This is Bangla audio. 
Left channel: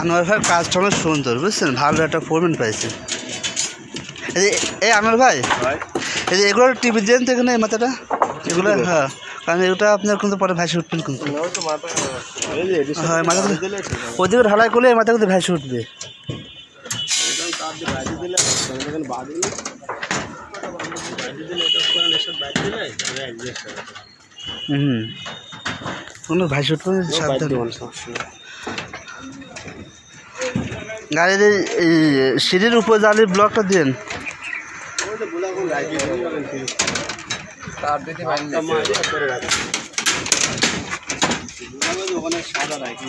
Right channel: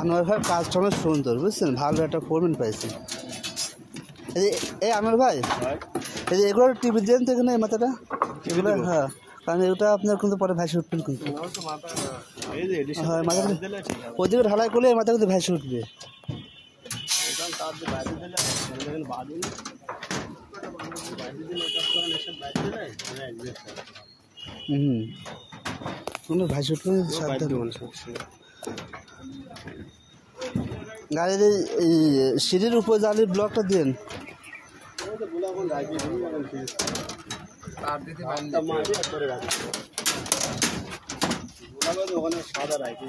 আনোয়ার ভাইয়ের কাজটা অনেক সুন্দর, বুঝছেন? ভালো একটা ফোরম্যান পাইছে। এই আনোয়ার ভাই, এই যে এগুলো টিভি দেন তো এখানে, এই মাথাটা এগুলো, হ্যাঁ, কারণ এগুলো আপনার কিন্তু পরে ভাসে উঠবেন কিন্তু। হ্যাঁ, মাথা ওদিকে ঢালাই করলে মাথা কিন্তু ভাসে উঠবে। কোনো ভাসে উঠবে সাবধান। গাড়ির এই সিঁড়ির উপর জালি ব্লকটা দেন। ওখানে সাদা রাখি।